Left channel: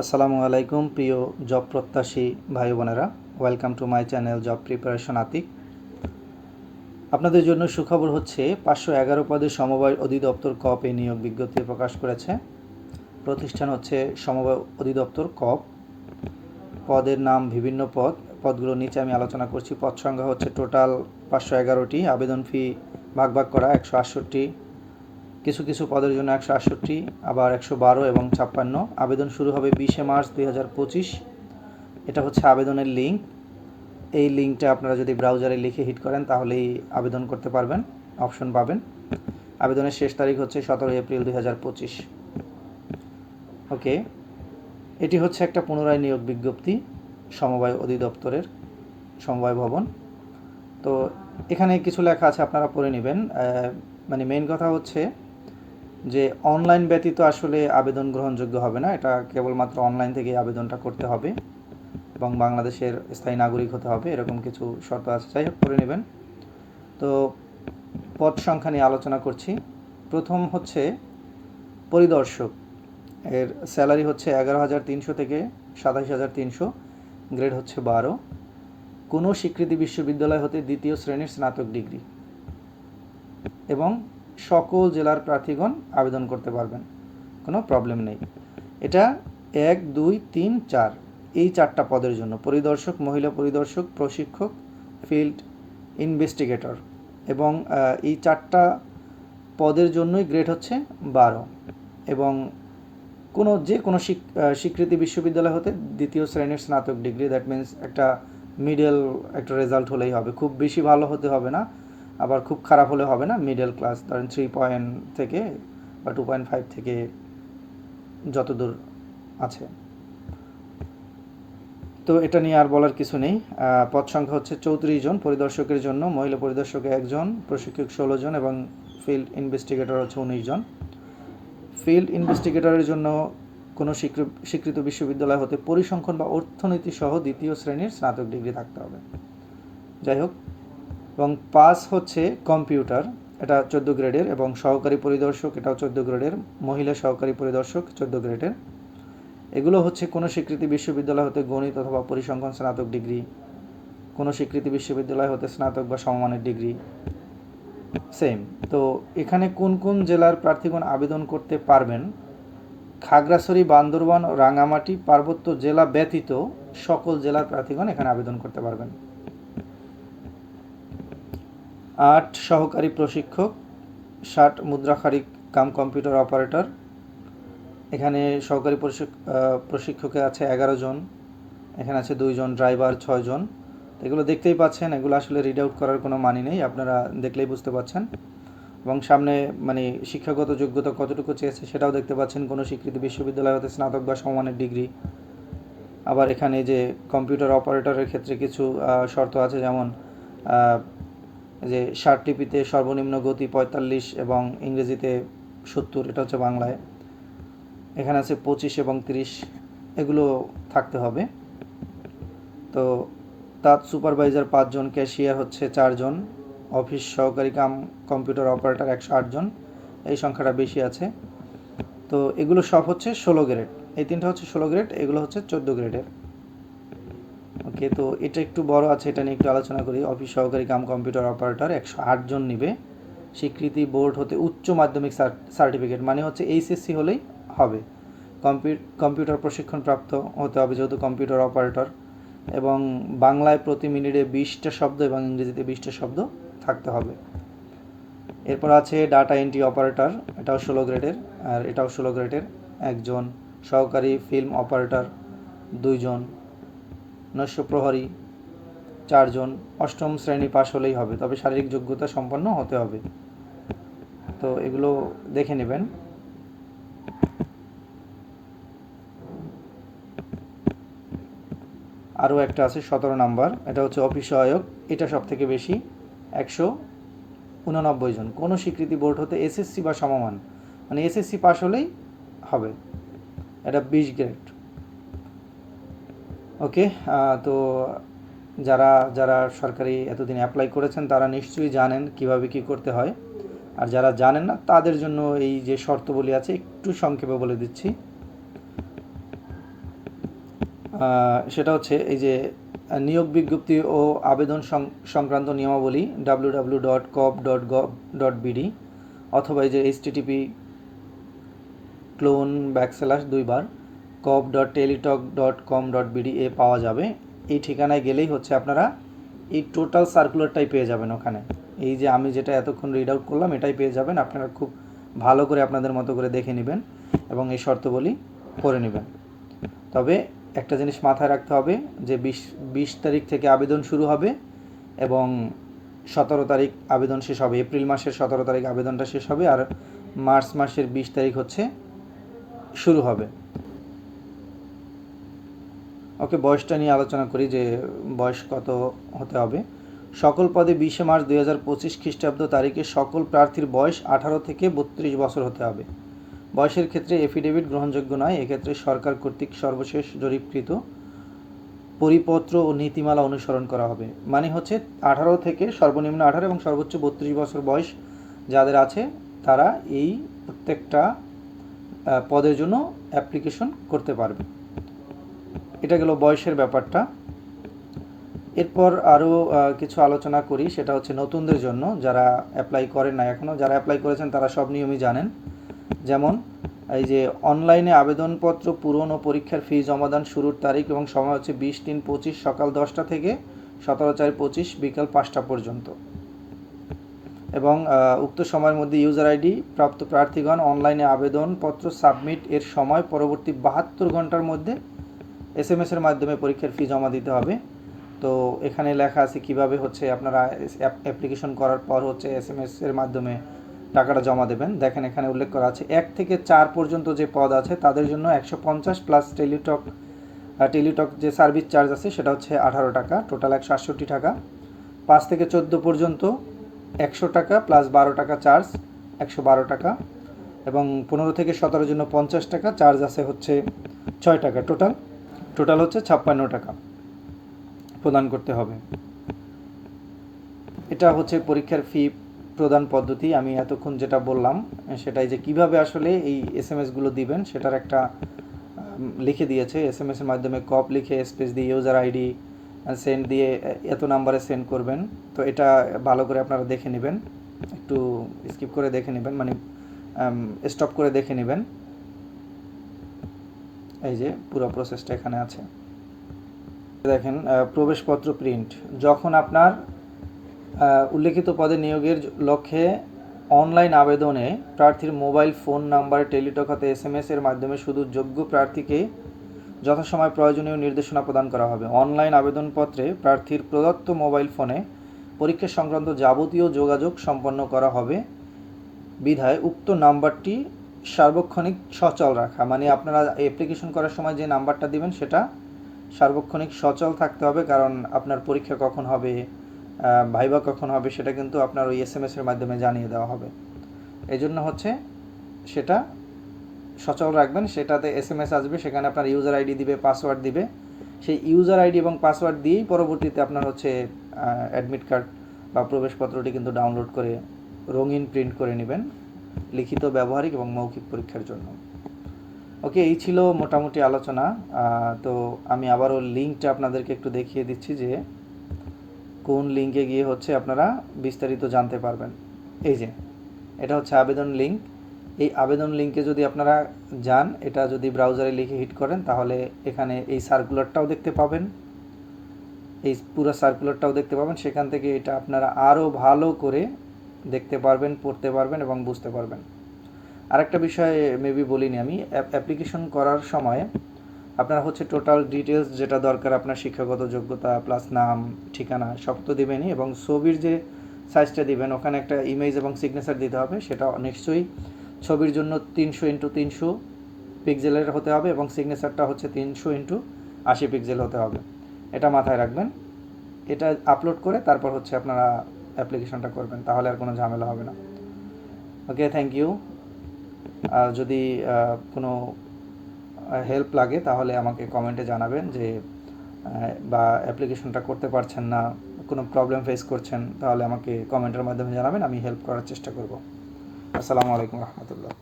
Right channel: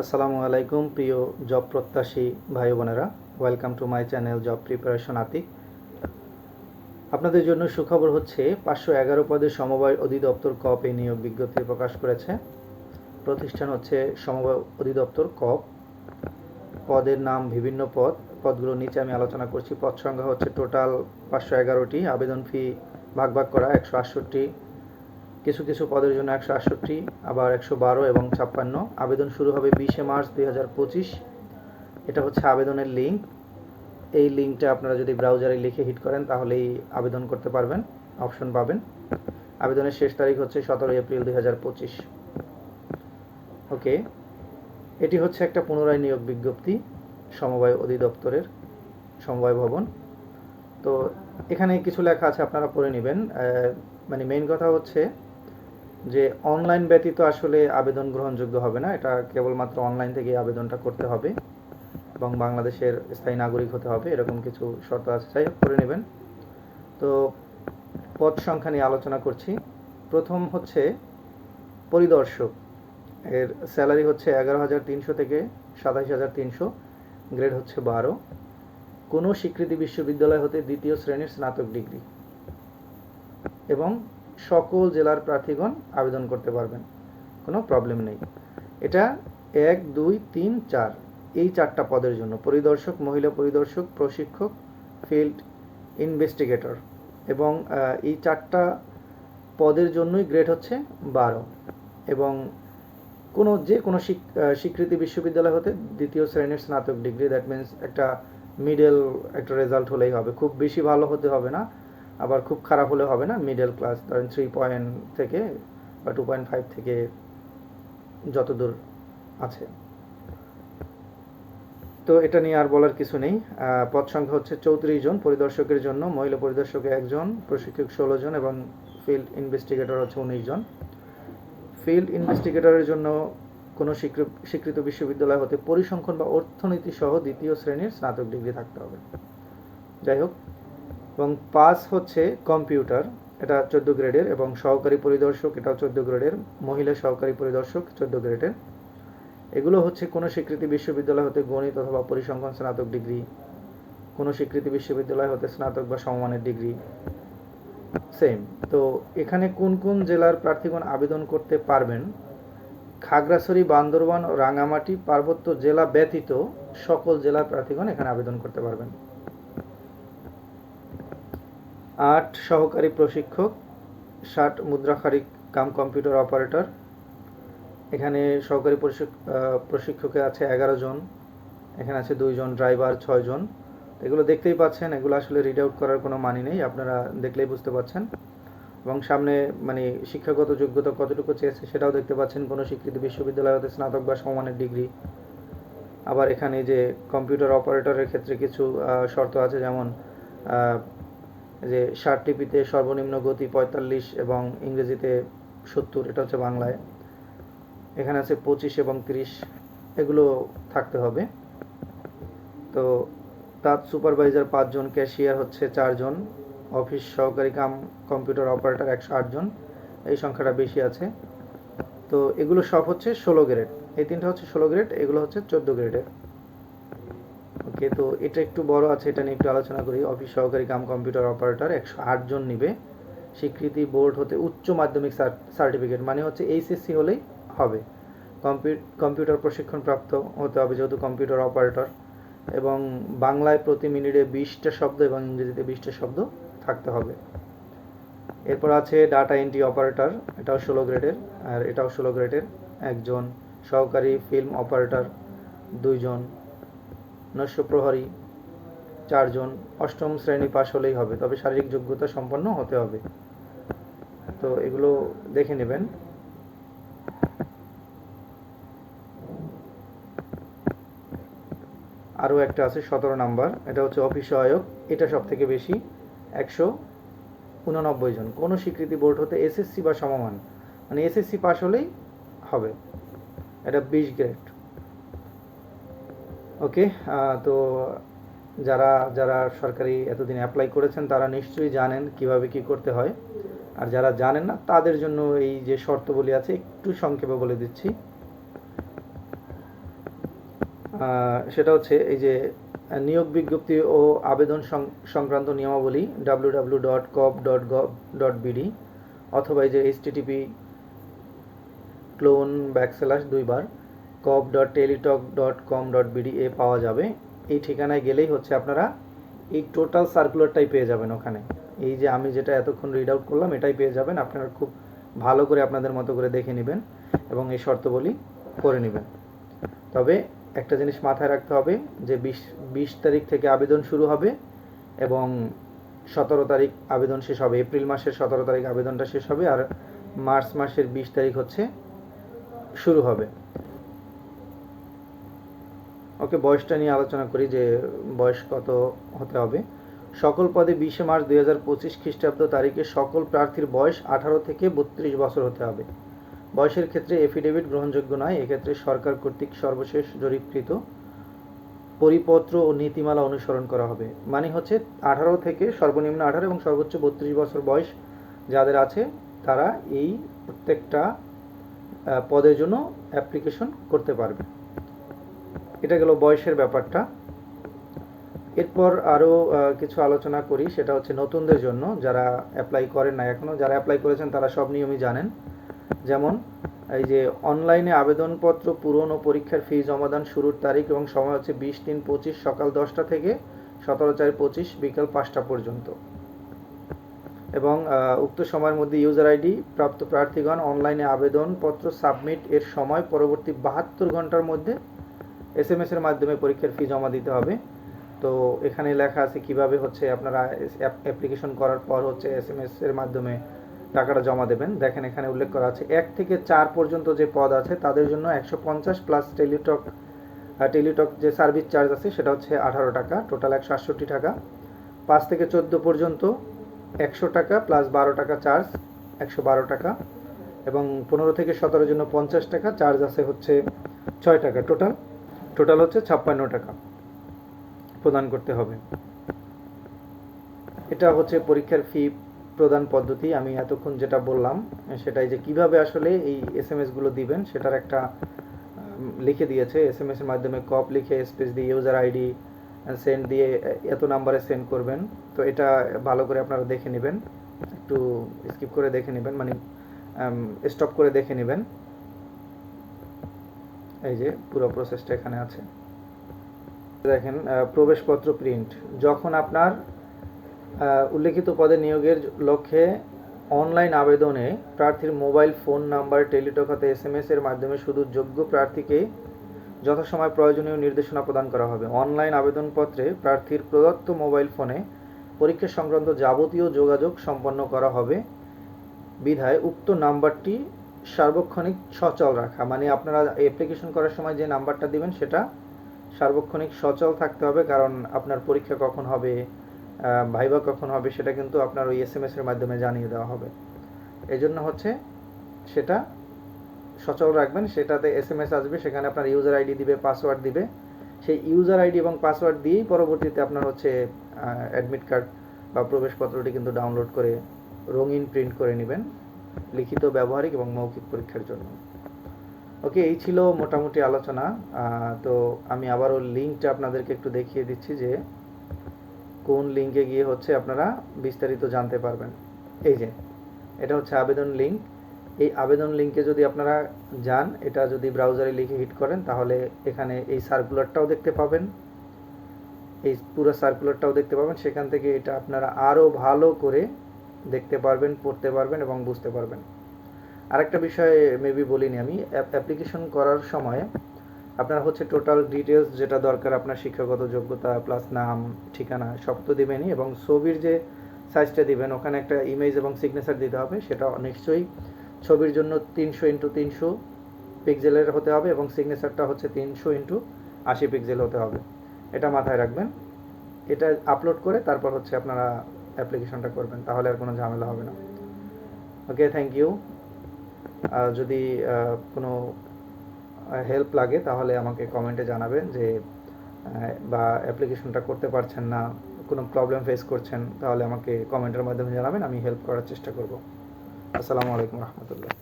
আসসালামু আলাইকুম, প্রিয় জব প্রত্যাশী ভাই বোনেরা। Welcome to my channel job preparation Atik আপনাদের জন্য সুখবর হচ্ছে, পাঁচশো এগারো পদে সমবায় অধিদপ্তর কপ এই নিয়োগ বিজ্ঞপ্তি প্রকাশ করেছে। প্রতিষ্ঠান হচ্ছে সমবায় অধিদপ্তর কপ। পদের নাম বিভিন্ন পদ, পদগুলো নিচে আমি আলোচনা করছি। পদ সংখ্যা হচ্ছে টোটাল পাঁচশো এগারোটি, আবেদন ফি ভাগ ভাগ করা একশো আটষট্টি। কিছু কিছু পদের জন্য একশো আটষট্টি, আবার একশো বারো এবং ছাপ্পান্ন। আবেদন শুরু হবে বিশে মার্চ দুই হাজার পঁচিশ। এটা হচ্ছে আবেদনের লিঙ্ক। এই লিঙ্কটা আপনারা যদি ব্রাউজারে লিখে হিট করেন, তাহলেই আবেদন করতে পারবেন, অপশন পাবেন। আবেদনের শেষ তারিখ হচ্ছে সতেরোই এপ্রিল দুই হাজার পঁচিশ। ওকে, এটি হচ্ছে একটা পুনরায় নিয়োগ বিজ্ঞপ্তি, সমবায় অধিদপ্তরের সমবায় ভবন। তো এখানে কিছু লেখা আছে, আপনারা পড়ে নেবেন। মানে মেইন কথা হচ্ছে যে অনলাইন ব্যতীত আসলে আবেদন গ্রহণযোগ্য হবে না। এটা কেবলমাত্র অনলাইন থেকেই আবেদনটা করতে হবে এবং বাংলাদেশের স্থায়ী নাগরিক হতে হবে, এরকম কিছু শর্ত আছে। যাই করে নেবেন। তো পদ সংখ্যা নিয়ে আলোচনা করছি। প্রথম হচ্ছে পরিদর্শক। এর স্যালারি হচ্ছে এগারো হাজার তিনশো থেকে সাতাশ হাজার তিনশো গ্রেড হচ্ছে বারো। কোনো স্বীকৃতি বিশ্ববিদ্যালয় হতে দ্বিতীয় শ্রেণির স্নাতক ডিগ্রি। এবং সকল জেলার প্রার্থীগণ আবেদন করতে পারবেন। কোনো প্রবলেম নেই। এটা এক, দুই, তিন, চার। এই চারটা পদের জন্য পরিদর্শক, মহিলা পরিদর্শক, প্রশিক্ষক ফিল্ড ইনভেস্টিগেটর এবং এই চারটা পদের জন্যই গ্রেড হচ্ছে বারো এবং কোনো, যে কোনো স্বীক- স্বীকৃতি বিশ্ববিদ্যালয় হতে দ্বিতীয় শ্রেণির স্নাতক ডিগ্রি দ্যাট মিন্স একটা মিডল একটা রেজাল্ট হলেই হবে। খুব বেশি ভালো হতে হবে না। আবার খুব খারাপ হলে হবে না মিডল ক্লাস ধরেন থ্রি পয়েন্ট থেকে বা টু পয়েন্ট ফাইভ থেকে যতদূর আছে। তো এটা নিয়ে আর বলার কিছু নেই। পদ সংখ্যা হচ্ছে চৌত্রিশ জন পরিদর্শকের জন্য, মহিলা পরিদর্শকে একজন, প্রশিক্ষক ষোলো জন এবং ফিল্ড ইনভেস্টিগেটর হচ্ছে উনিশ জন। ফিল্ড ইনভেস্টিগেটরের জন্য কোনো স্বীকৃত বিশ্ববিদ্যালয় হতে পরিসংখ্যান বা অর্থনীতি সহ দ্বিতীয় শ্রেণির স্নাতক ডিগ্রি থাকতে হবে। যাই হোক এবং পাস হচ্ছে কম্পিউটার, এটা চোদ্দ গ্রেডের, এবং সহকারী পরিদর্শক, এটাও চোদ্দ গ্রেডের, মহিলা সহকারী পরিদর্শক, চোদ্দ গ্রেডের। এগুলো হচ্ছে কোনো স্বীকৃতি বিশ্ববিদ্যালয় হতে গণিত অথবা পরিসংখ্যান স্নাতক ডিগ্রি, কোনো স্বীকৃতি বিশ্ববিদ্যালয় হতে স্নাতক বা সমমানের ডিগ্রি, সেম। তো এখানে কোন কোন জেলার প্রার্থীগণ আবেদন করতে পারবেন? খাগড়াছড়ি, বান্দরবান রাঙামাটি পার্বত্য জেলা ব্যতীত সকল জেলার প্রার্থীগণ এখানে আবেদন করতে পারবেন। আট সহকারী প্রশিক্ষক, ষাট মুদ্রাখারিক কাম কম্পিউটার অপারেটর। এখানে সহকারী প্রশিক্ষকে আছে এগারো জন, এখানে আছে দুইজন ড্রাইভার ছয়জন এগুলো দেখতেই পাচ্ছেন, এগুলো আসলে রিড আউট করার কোনো মানি নেই, আপনারা দেখলেই বুঝতে পাচ্ছেন। এবং সামনে মানে শিক্ষাগত যোগ্যতা কতটুকু চেয়েছে সেটাও দেখতে পাচ্ছেন, কোনো স্বীকৃতি বিশ্ববিদ্যালয় হতে স্নাতক বা সমমানের ডিগ্রি। আবার এখানে যে কম্পিউটার অপারেটরের ক্ষেত্রে কিছু শর্ত আছে যেমন যে টিপিতে সর্বনিম্ন গতি পঁয়তাল্লিশ এবং ইংরেজিতে সত্তর, এটা হচ্ছে বাংলায়। এখানে আছে পঁচিশ এবং তিরিশ, এগুলো থাকতে হবে। তো তার সুপারভাইজার পাঁচজন, ক্যাশিয়ার হচ্ছে চারজন, অফিস সহকারী কাম, কম্পিউটার অপারেটর একশো আটজন এই সংখ্যাটা বেশি আছে। তো এগুলো সব হচ্ছে ষোলো গ্রেড, এই তিনটা হচ্ছে ষোলো গ্রেড, এগুলো হচ্ছে চোদ্দ গ্রেডের। ওকে, তো এটা একটু বড় আছে, এটা নিয়ে একটু আলোচনা করি। অফিস সহকারী কাম কম্পিউটার অপারেটর একশো আটজন নিবে। স্বীকৃতি বোর্ড হতে উচ্চ মাধ্যমিক সার্টিফিকেট মানে হচ্ছে এইচএসসি হলেই হবে। কম্পিউ- কম্পিউটার প্রশিক্ষণপ্রাপ্ত হতে হবে যেহেতু কম্পিউটার অপারেটর। এবং বাংলায় প্রতি মিনিটে বিশটা শব্দ এবং ইংরেজিতে বিশটা শব্দ থাকতে হবে। এরপর আছে ডাটা এন্ট্রি অপারেটর, এটাও ষোলো গ্রেডের, আর এটাও ষোলো গ্রেডের। একজন সহকারী ফিল্ম অপারেটর, দুইজন নৈশ প্রহরী চারজন অষ্টম শ্রেণি পাশ হলেই হবে, তবে শারীরিক যোগ্যতা সম্পন্ন হতে হবে। তো এগুলো দেখে নেবেন। আরও একটা আছে সতেরো নাম্বার, এটা হচ্ছে অফিস সহায়ক এটা সব থেকে বেশি, একশো উননব্বই জন। কোনো স্বীকৃতি বোর্ড হতে এসএসসি বা সমমান মানে এসএসসি পাশ হলেই হবে। এটা বিশ গ্রেড। ওকে তো যারা যারা সরকারি এতদিন অ্যাপ্লাই করেছেন, তারা নিশ্চয়ই জানেন কীভাবে কি করতে হয়। আর যারা জানেন না, তাদের জন্য এই যে শর্তবলী আছে, একটু সংক্ষেপে বলে দিচ্ছি। সেটা হচ্ছে এই যে, নিয়োগ বিজ্ঞপ্তি ও আবেদন সংক্রান্ত নিয়মাবলী W W dot cop dot gov dot BD অথবা এই যে এইচটিটিপি ক্লোন ব্যাকস্ল্যাশ দুইবার cop dot Teletalk dot com dot BD এ পাওয়া যাবে। এই ঠিকানায় গেলেই হচ্ছে আপনারা এই টোটাল সার্কুলারটাই পেয়ে যাবেন ওখানে। এই যে আমি যেটা এতক্ষণ রিড আউট করলাম, এটাই পেয়ে যাবেন। আপনারা খুব ভালো করে আপনাদের মতো করে দেখে নেবেন এবং এই শর্তবলী করে নেবেন। তবে একটা জিনিস মাথায় রাখতে হবে যে বিশ বিশ তারিখ থেকে আবেদন শুরু হবে এবং সতেরো তারিখ আবেদন শেষ হবে। এপ্রিল মাসের সতেরো তারিখ আবেদনটা শেষ হবে আর মার্চ মাসের বিশ তারিখ হচ্ছে শুরু হবে। ওকে বয়সটা নিয়ে আলোচনা করি যে বয়স কত হতে হবে। সকল পদে বিশে মার্চ দুই হাজার পঁচিশ খ্রিস্টাব্দ তারিখে সকল প্রার্থীর বয়স আঠারো থেকে বত্রিশ বছর হতে হবে। বয়সের ক্ষেত্রে এফিডেভিট গ্রহণযোগ্য নয়, এক্ষেত্রে সরকার কর্তৃক সর্বশেষ জরিপকৃত পরিপত্র ও নীতিমালা অনুসরণ করা হবে। মানে হচ্ছে আঠারো থেকে সর্বনিম্ন আঠারো এবং সর্বোচ্চ বত্রিশ বছর বয়স যাদের আছে, তারা এই প্রত্যেকটা পদের জন্য অ্যাপ্লিকেশন করতে পারবে। এটা গেল বয়সের ব্যাপারটা। এরপর আরও কিছু আলোচনা করি, সেটা হচ্ছে নতুনদের জন্য, যারা অ্যাপ্লাই করেন না এখনও যারা অ্যাপ্লাই করেছেন তারা সব নিয়মই জানেন। যেমন, এই যে অনলাইনে আবেদনপত্র পূরণ ও পরীক্ষার ফি জমাদান শুরুর তারিখ এবং সময় হচ্ছে বিশ তিন পঁচিশ সকাল দশটা থেকে সতেরো চার পঁচিশ বিকাল পাঁচটা পর্যন্ত। এবং উক্ত সময়ের মধ্যে ইউজার আইডি প্রাপ্ত প্রার্থীগণ অনলাইনে আবেদনপত্র সাবমিট এর সময় পরবর্তী বাহাত্তর ঘণ্টার মধ্যে এস এম এর মাধ্যমে পরীক্ষার ফি জমা দিতে হবে। তো এখানে লেখা আছে কীভাবে হচ্ছে আপনারা অ্যাপ্লিকেশন করার পর হচ্ছে এস এম এর মাধ্যমে টাকাটা জমা দেবেন। দেখেন এখানে উল্লেখ করা আছে, এক থেকে চার পর্যন্ত যে পদ আছে তাদের জন্য একশো পঞ্চাশ প্লাস টেলিটক টেলিটক যে সার্ভিস চার্জ আছে সেটা হচ্ছে আঠারো টাকা টোটাল একশো আটষট্টি টাকা। পাঁচ থেকে চোদ্দ পর্যন্ত একশো টাকা প্লাস বারো টাকা চার্জ একশো বারো টাকা। এবং পনেরো থেকে সতেরোর জন্য পঞ্চাশ টাকা চার্জ আছে হচ্ছে ছয় টাকা টোটাল টোটাল হচ্ছে ছাপ্পান্ন টাকা প্রদান করতে হবে। এটা হচ্ছে পরীক্ষার ফি প্রদান পদ্ধতি। আমি এতক্ষণ যেটা বললাম, সেটাই যে কীভাবে আসলে এই এস এম এসগুলো দিবেন, সেটার একটা লিখে দিয়েছে। এস এম এসের মাধ্যমে কপ লিখে স্পেস দিয়ে ইউজার আইডি সেন্ড দিয়ে এত নাম্বারে সেন্ড করবেন। তো এটা ভালো করে আপনারা দেখে নেবেন। একটু স্কিপ করে দেখে নেবেন মানে স্টপ করে দেখে নেবেন। এই যে পুরো প্রসেসটা এখানে আছে। দেখেন প্রবেশপত্র প্রিন্ট যখন আপনার উল্লেখিত পদে নিয়োগের লক্ষ্যে অনলাইন আবেদনে প্রার্থীর মোবাইল ফোন নাম্বার টেলিটক হাতে এস এম এস এর মাধ্যমে শুধু যোগ্য প্রার্থীকে যথাসময় প্রয়োজনীয় নির্দেশনা প্রদান করা হবে। অনলাইন আবেদনপত্রে প্রার্থীর প্রদত্ত মোবাইল ফোনে পরীক্ষা সংক্রান্ত যাবতীয় যোগাযোগ সম্পন্ন করা হবে। বিধায় উক্ত নাম্বারটি সার্বক্ষণিক সচল রাখা। মানে আপনারা অ্যাপ্লিকেশন করার সময় যে নাম্বারটা দিবেন, সেটা সার্বক্ষণিক সচল থাকতে হবে, কারণ আপনার পরীক্ষা কখন হবে ভাইবা কখন হবে, সেটা কিন্তু আপনার ওই এস এম এর মাধ্যমে জানিয়ে দেওয়া হবে। এই জন্য হচ্ছে সেটা সচল রাখবেন, সেটাতে এস এম এস আসবে, সেখানে আপনার ইউজার আইডি দিবে পাসওয়ার্ড দিবে। সেই ইউজার আইডি এবং পাসওয়ার্ড দিয়েই পরবর্তীতে আপনার হচ্ছে অ্যাডমিট কার্ড বা প্রবেশপত্রটি কিন্তু ডাউনলোড করে রঙিন প্রিন্ট করে নেবেন। লিখিত, ব্যবহারিক এবং মৌখিক পরীক্ষার জন্য। ওকে, এই ছিল মোটামুটি আলোচনা। তো আমি আবারও লিঙ্কটা আপনাদেরকে একটু দেখিয়ে দিচ্ছি যে কোন লিঙ্কে গিয়ে হচ্ছে আপনারা বিস্তারিত জানতে পারবেন। এই যে, এটা হচ্ছে আবেদন লিঙ্ক। এই আবেদন লিঙ্কে যদি আপনারা যান, এটা যদি ব্রাউজারে লিখে হিট করেন, তাহলে এখানে এই সার্কুলারটাও দেখতে পাবেন। এই পুরো সার্কুলারটাও দেখতে পাবেন। সেখান থেকে এটা আপনারা আরও ভালো করে দেখতে পারবেন, পড়তে পারবেন এবং বুঝতে পারবেন। আরেকটা বিষয় মেবি বলিনি আমি অ্যাপ্লিকেশন করার সময় আপনার হচ্ছে টোটাল ডিটেলস যেটা দরকার, আপনার শিক্ষাগত যোগ্যতা প্লাস নাম, ঠিকানা, সব তো দেবেনই এবং ছবির যে সাইজটা দিবেন, ওখানে একটা ইমেজ এবং সিগনেচার দিতে হবে, সেটা নিশ্চয়ই ছবির জন্য তিনশো ইন্টু তিনশো পিক্সেলের হতে হবে এবং সিগনেচারটা হচ্ছে তিনশো ইন্টু আশি পিক্সেল হতে হবে। এটা মাথায় রাখবেন। এটা আপলোড করে তারপর হচ্ছে আপনারা অ্যাপ্লিকেশনটা করবেন, তাহলে আর কোনো ঝামেলা হবে না। ওকে থ্যাংক ইউ যদি কোনো হেল্প লাগে, তাহলে আমাকে কমেন্টে জানাবেন যে বা অ্যাপ্লিকেশনটা করতে পারছেন না, কোনো প্রবলেম ফেস করছেন, তাহলে আমাকে কমেন্টের মাধ্যমে জানাবেন, আমি হেল্প করার চেষ্টা করব। আসসালামু আলাইকুম রহমতুল্লাহ।